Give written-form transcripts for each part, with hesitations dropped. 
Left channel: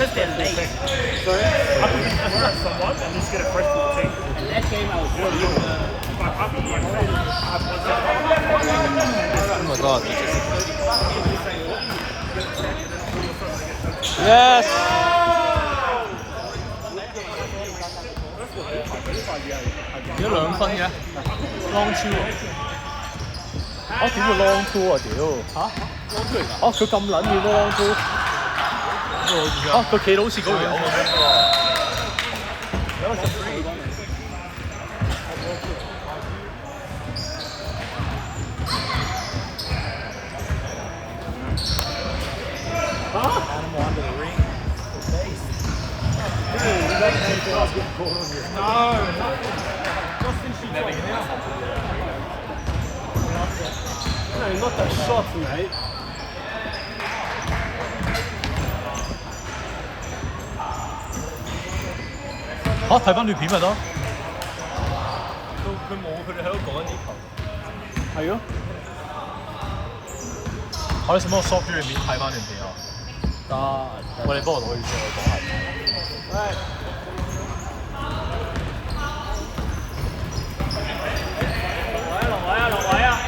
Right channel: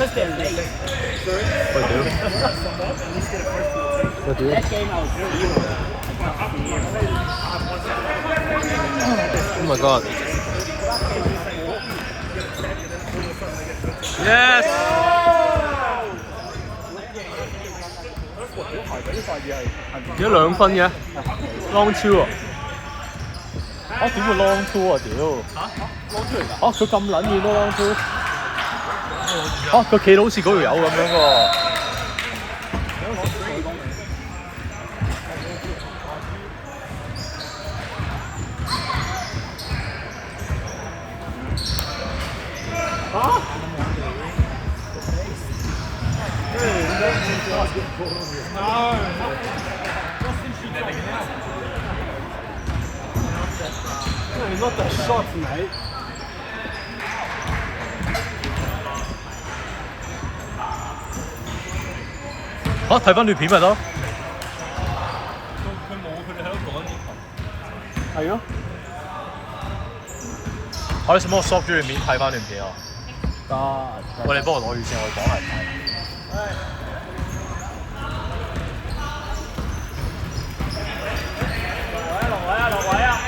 Oh my god. Yes. 幾多2分嘅 ？Long two 啊！點會 long two 啊？屌！long two 嚟㗎？佢咁撚遠都 long two？佢企到好似嗰條友咁喎。No, not that shot, mate. 睇翻段片咪得。佢冇，佢哋喺度講緊呢球。係咯。可以使乜我 stop 住段片睇翻段片啊？得。喂，你幫我攞住先，我講係。落位啊！落位啊！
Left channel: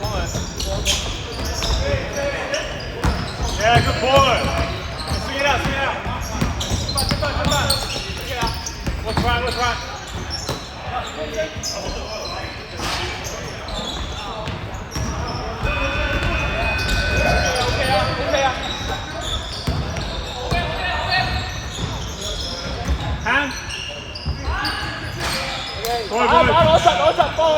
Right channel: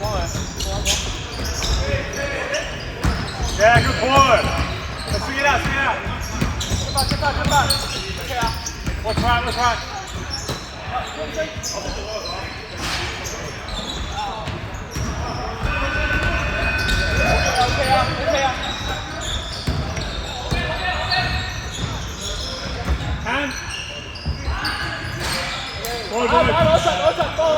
幫佢。Yeah, good boy. See it out, see it out. Come on. Okay, what's right? Okay. Hand. 攞實，幫佢。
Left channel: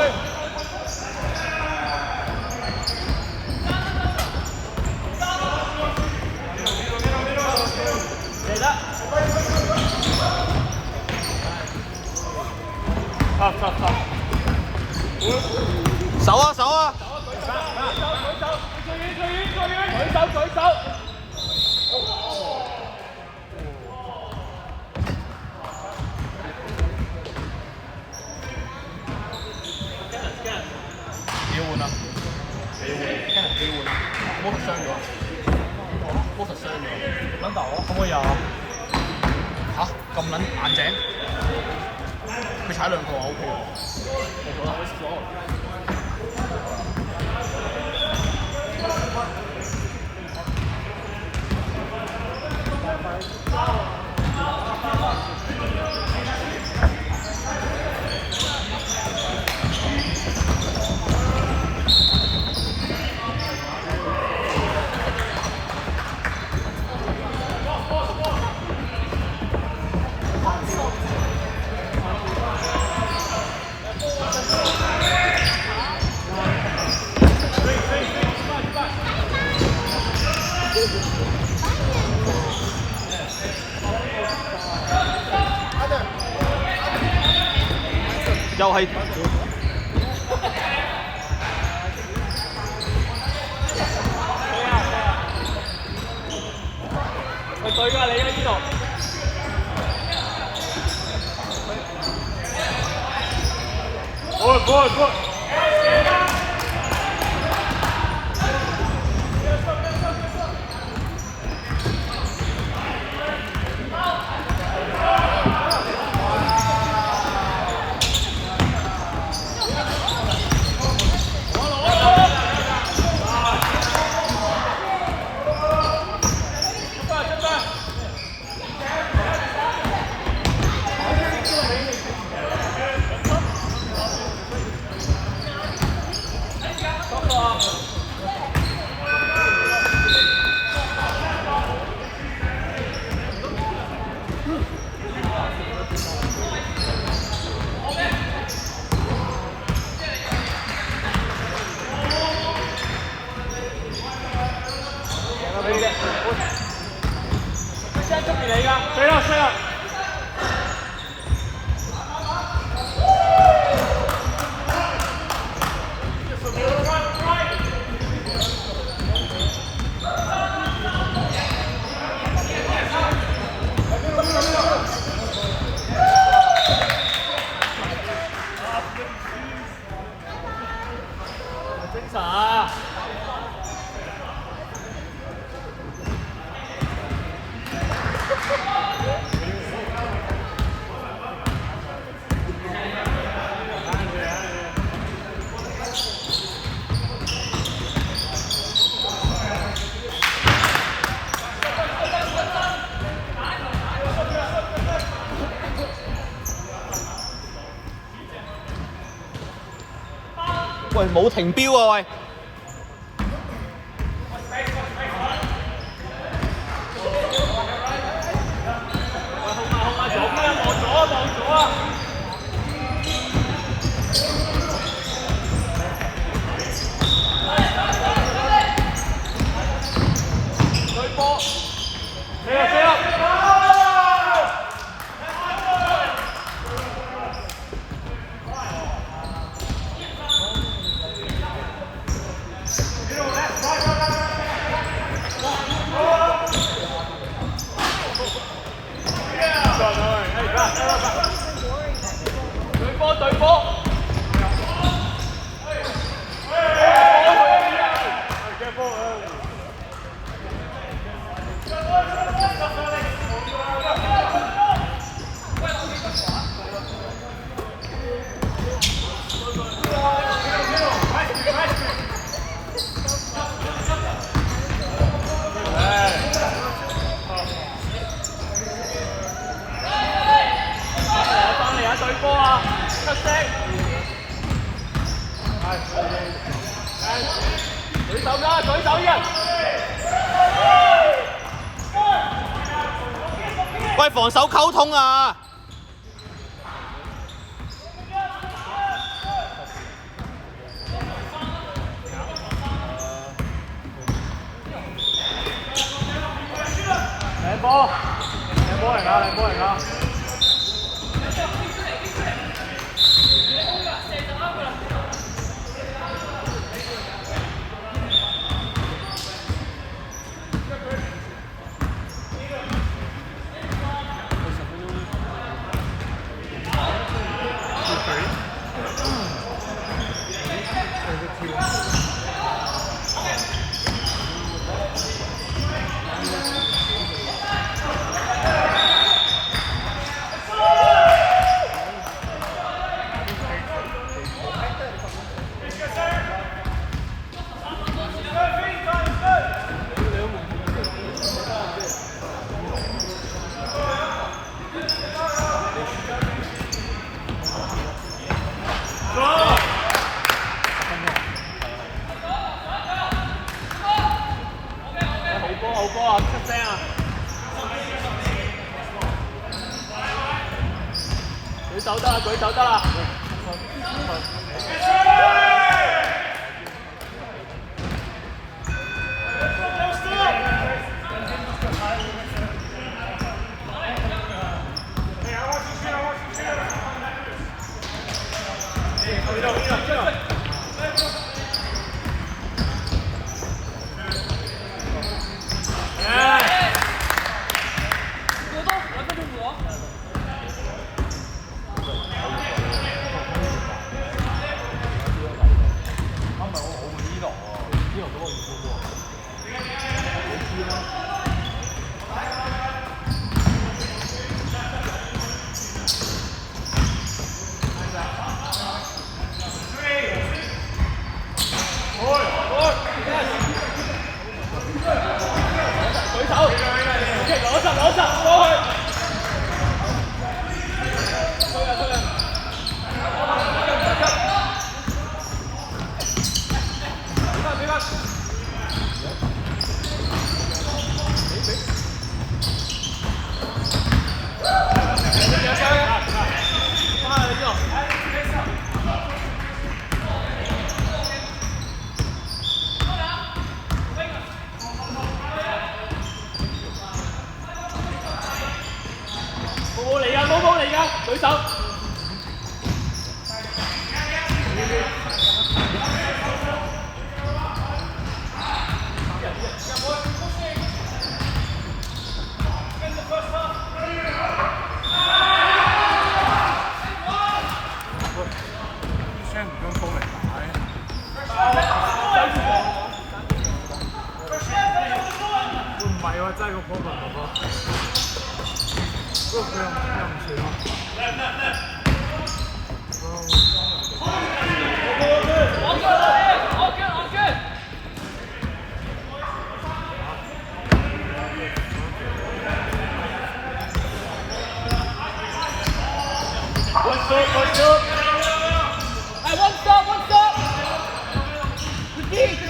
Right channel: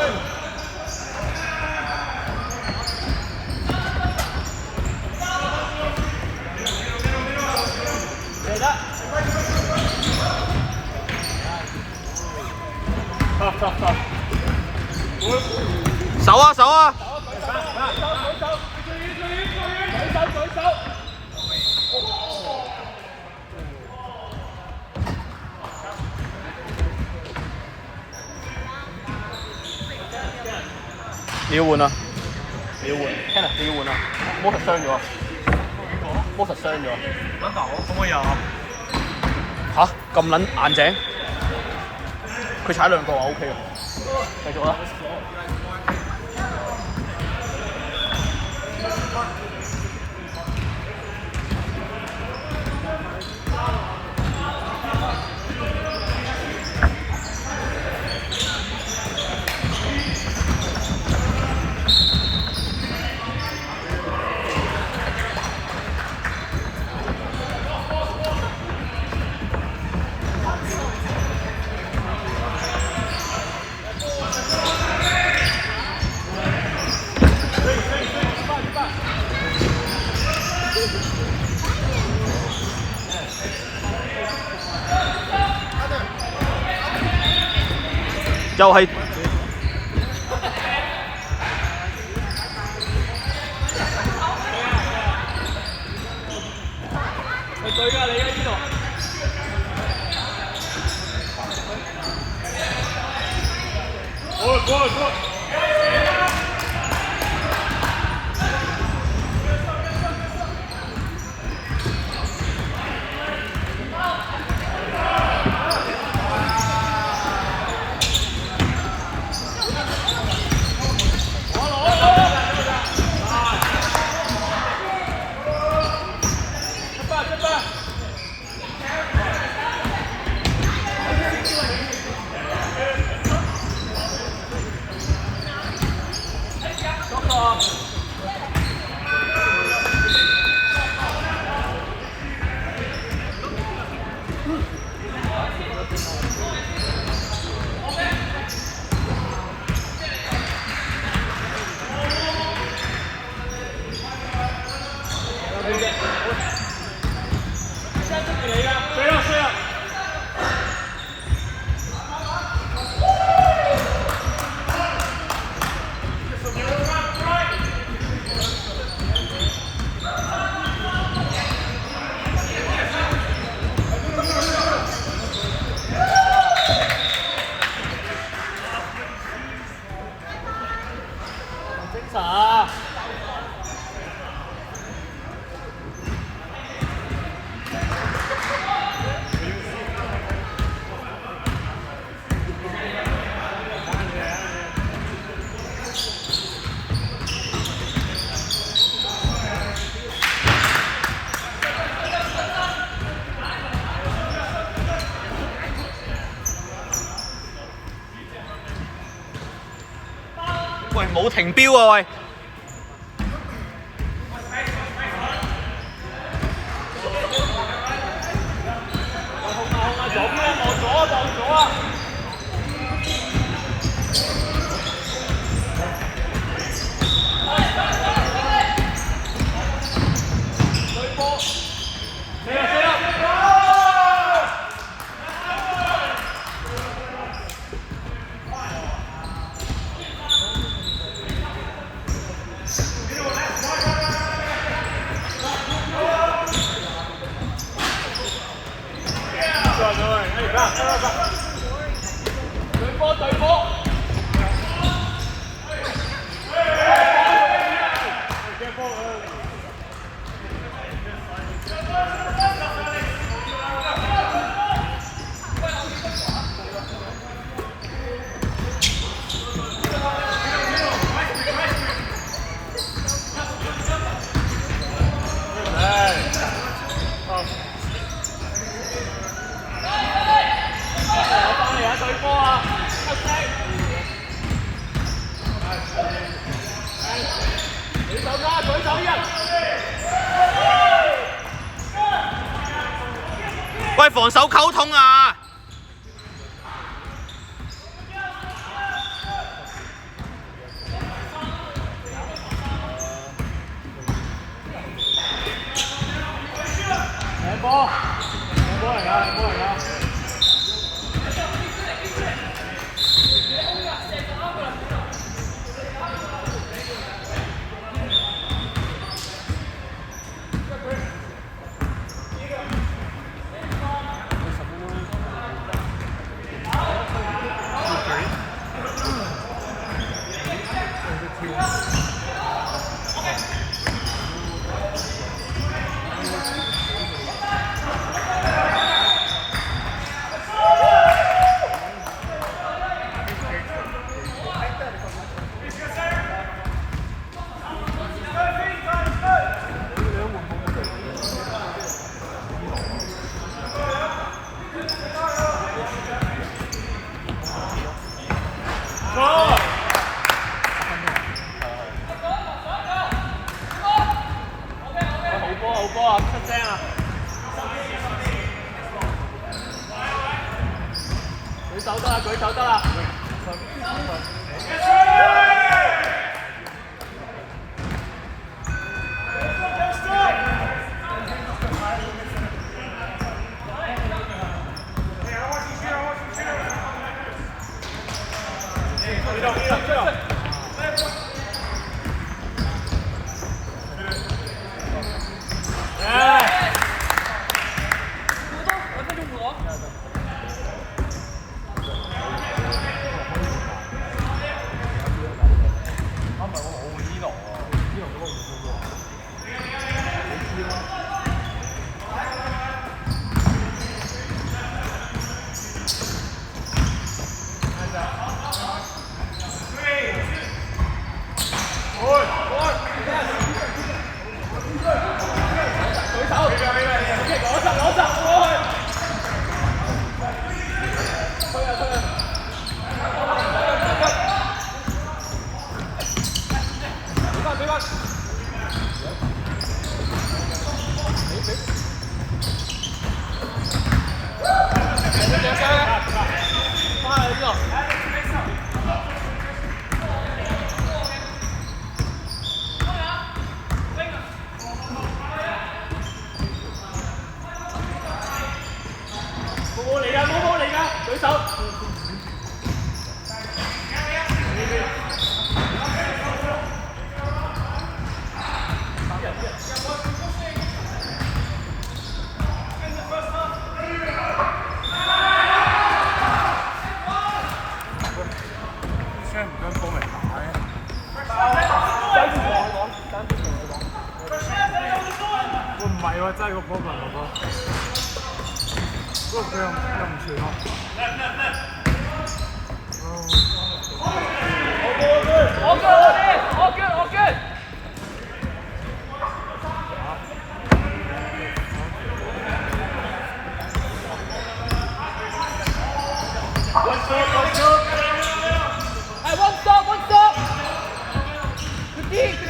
嚟得。手啊！舉手！你要換啊！你要換 ，Kenneth 你要換啊！摩實傷咗，揾頭可唔可以啊？嚇咁撚硬淨，佢踩2個啊 ，OK 喎，繼續啦。又係佢對㗎，你喺邊度？過。飛啦！精神啊！冇停標啊喂！控左邊啊，望左啊，望左啊！對波，射啊！對波對波。對波啊！出聲！舉手啦！舉手人！喂，防守溝通啊！靚波！靚波嚟㗎！靚波嚟㗎！好波啊！出聲啊！舉手得啦，舉手得啦！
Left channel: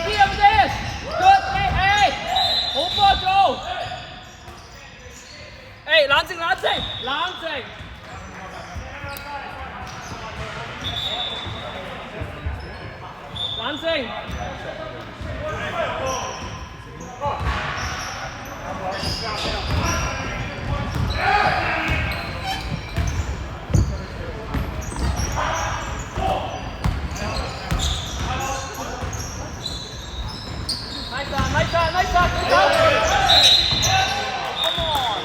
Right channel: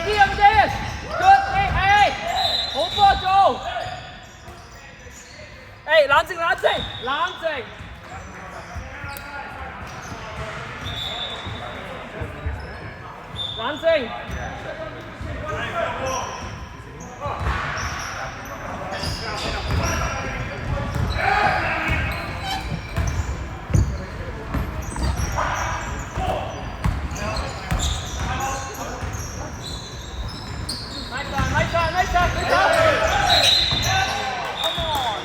Đi em đi. Good. Ê. Hỗ trợ Châu. Ê,冷靜。冷靜。Nice shot. Good job. Come on,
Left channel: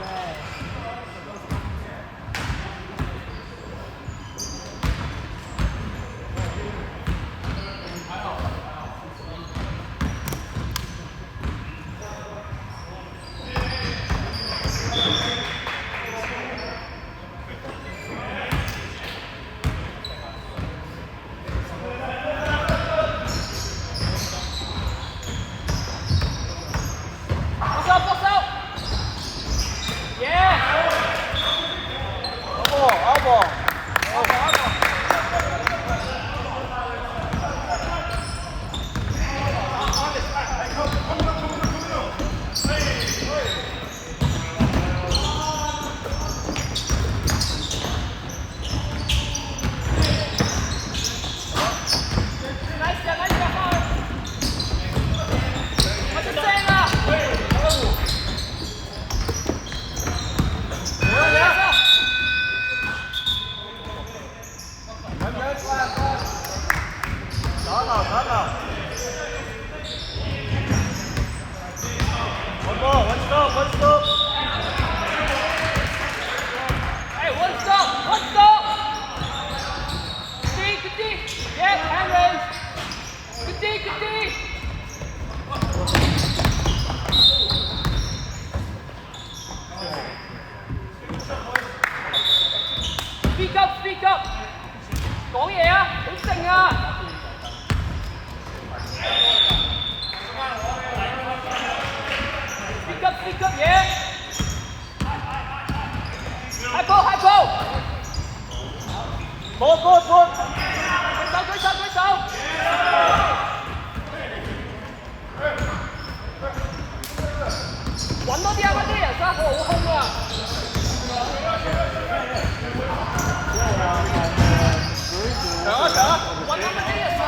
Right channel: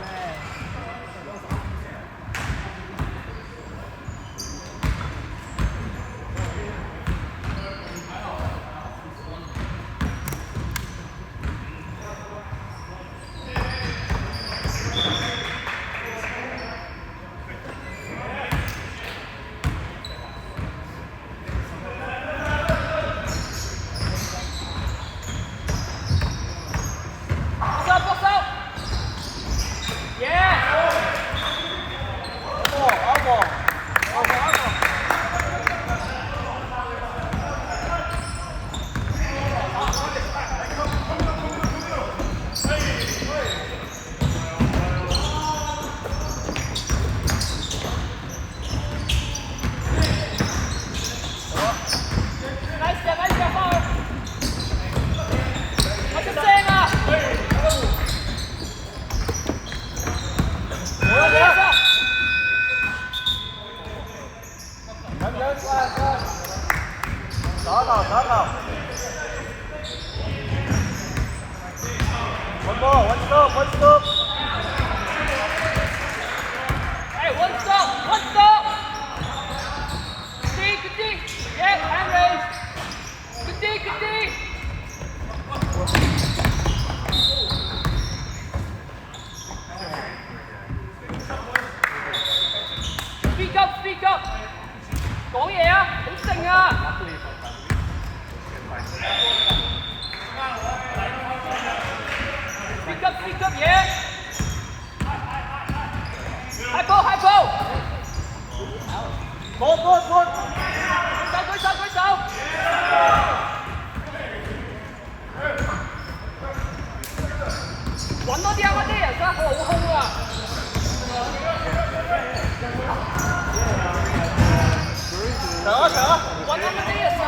man. Box out. Yeah. Elbow. One stop. Hey, one stop. Good D. Yeah, hand raise. Good D. Speak up. 講嘢啊，好靜啊。Speak up, yeah. High ball. Ball.舉手。揾多啲啊，嗰啲人生好空啊。上啊！揾多啲人生。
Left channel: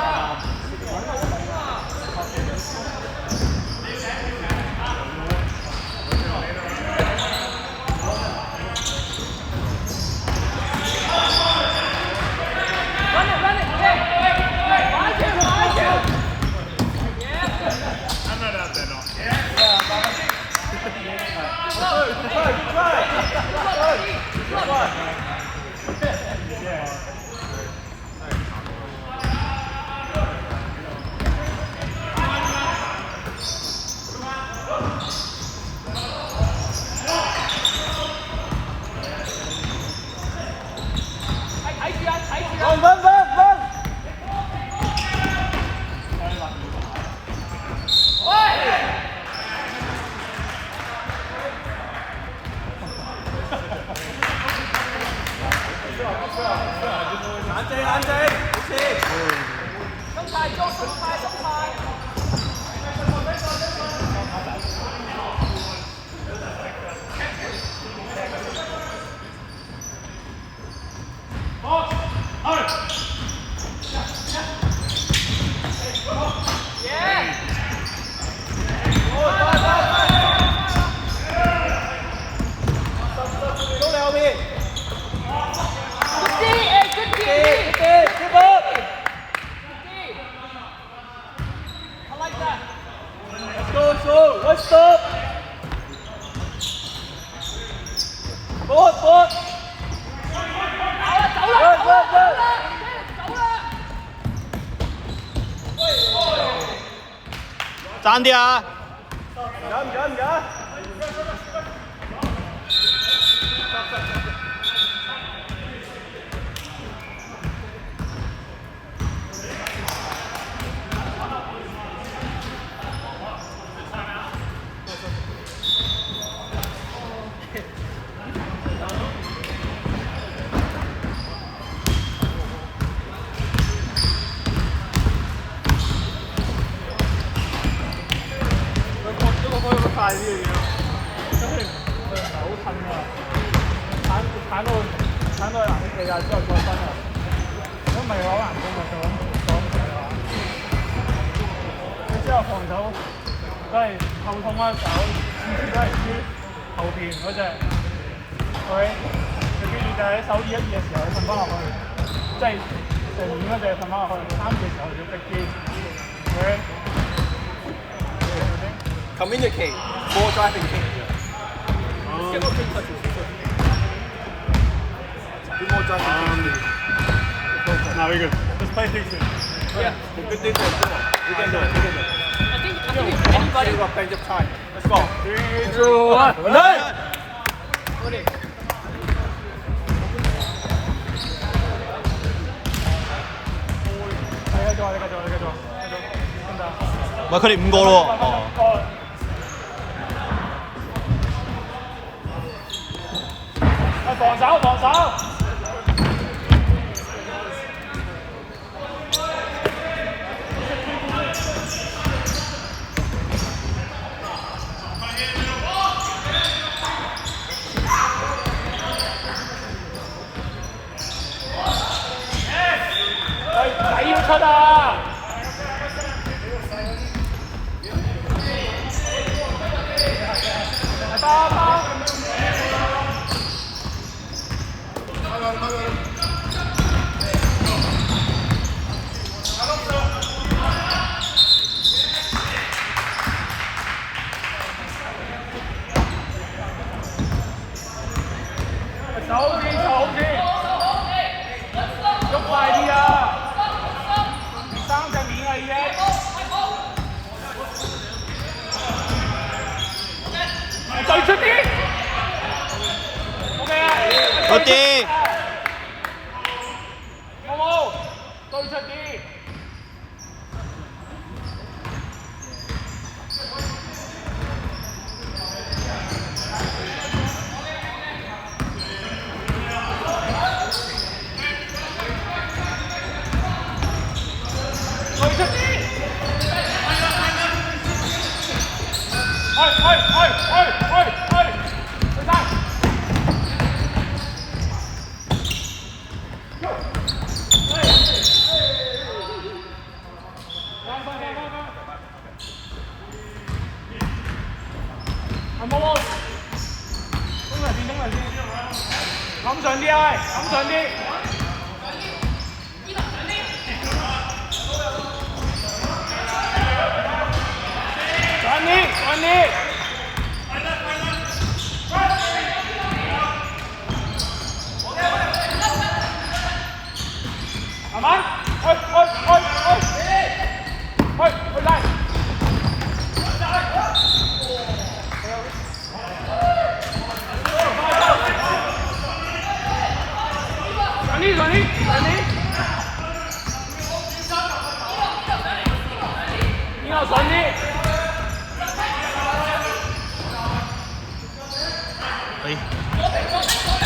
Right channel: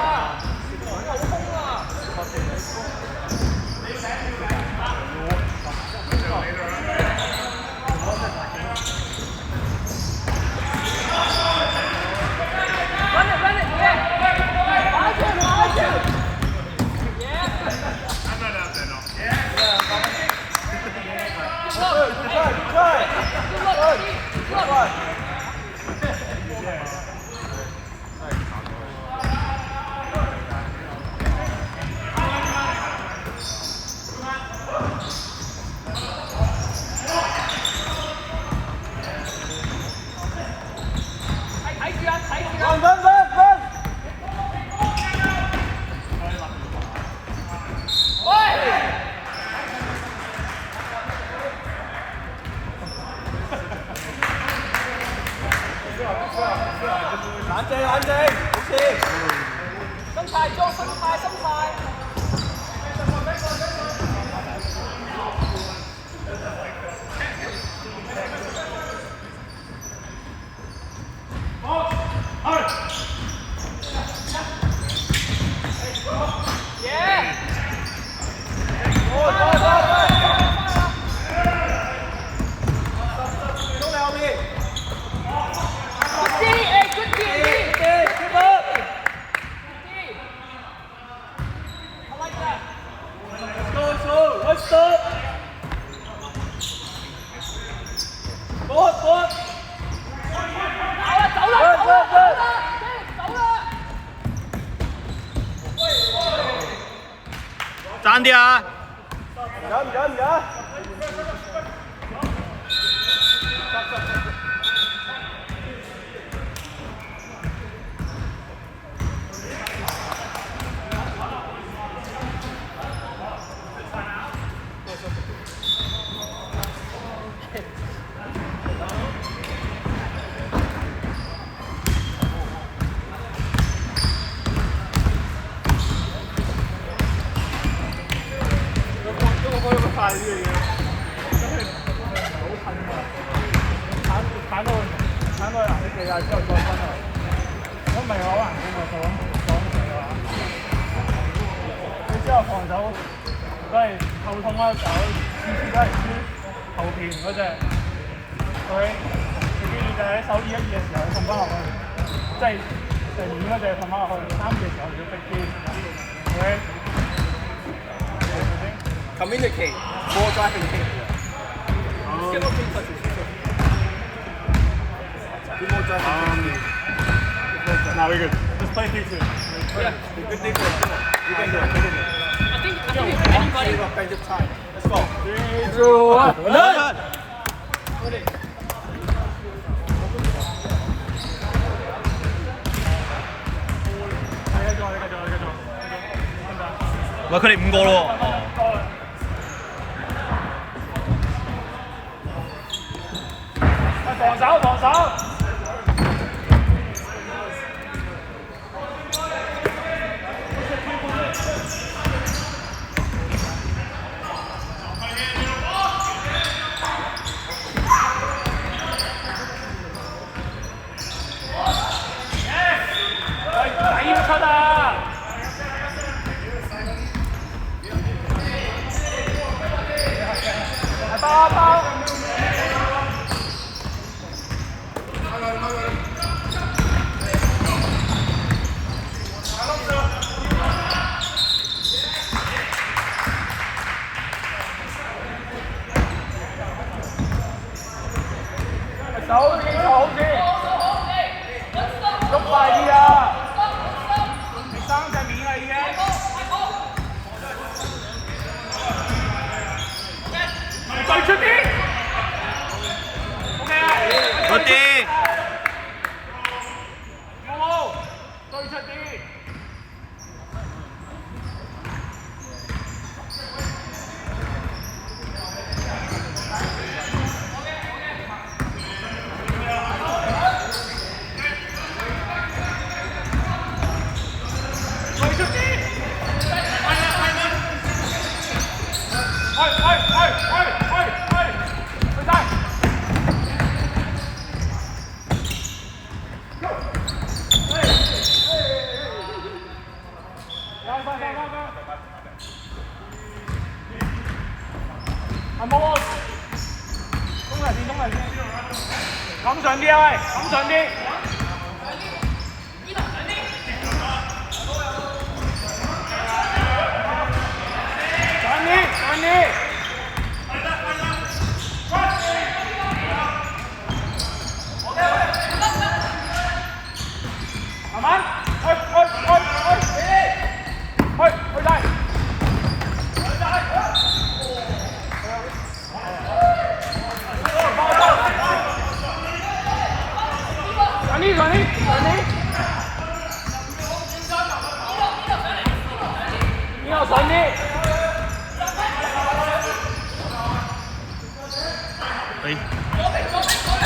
Run it, yeah. Watch it. Yeah. Good try. Vâng. Anh đi. One stop. Một.走啦！爭啲啊！忍。晒呢樣嘢咯，因為唔係好褪啊，鏟到藍色地啊之後再分啊，如果唔係好難攻啊，就咁擋住嘅話，你之後防守都係後痛啦，就次次都係輸後邊嗰隻，佢你記住就喺守2-1-2嘅時候，你瞓翻落去，即係前面嗰隻瞓翻落去，3-2嘅時候要逼啲，OK。Communicate, more driving kick. Let's get more kick touches. Do more driving kick. Now we're good. Just play fixing. Yeah, good defense. Come on. We can do it. We can do it. I think if anybody. We've got plenty of time. Let's go. 3, 2, 1. Run! Put it. 喂，佢哋5個咯喎。喂，防守，防守！仔要出啊！包。手指好啲，喐快啲啊！你3隻面啦已經。對出啲 ，OK 啊！好啲。冇，對出啲。對出啲。去晒。係冇喎，衝嚟先，冚上啲啊喂，冚上啲。上啲。慢慢，去晒。上啲。呢個上啲。哎。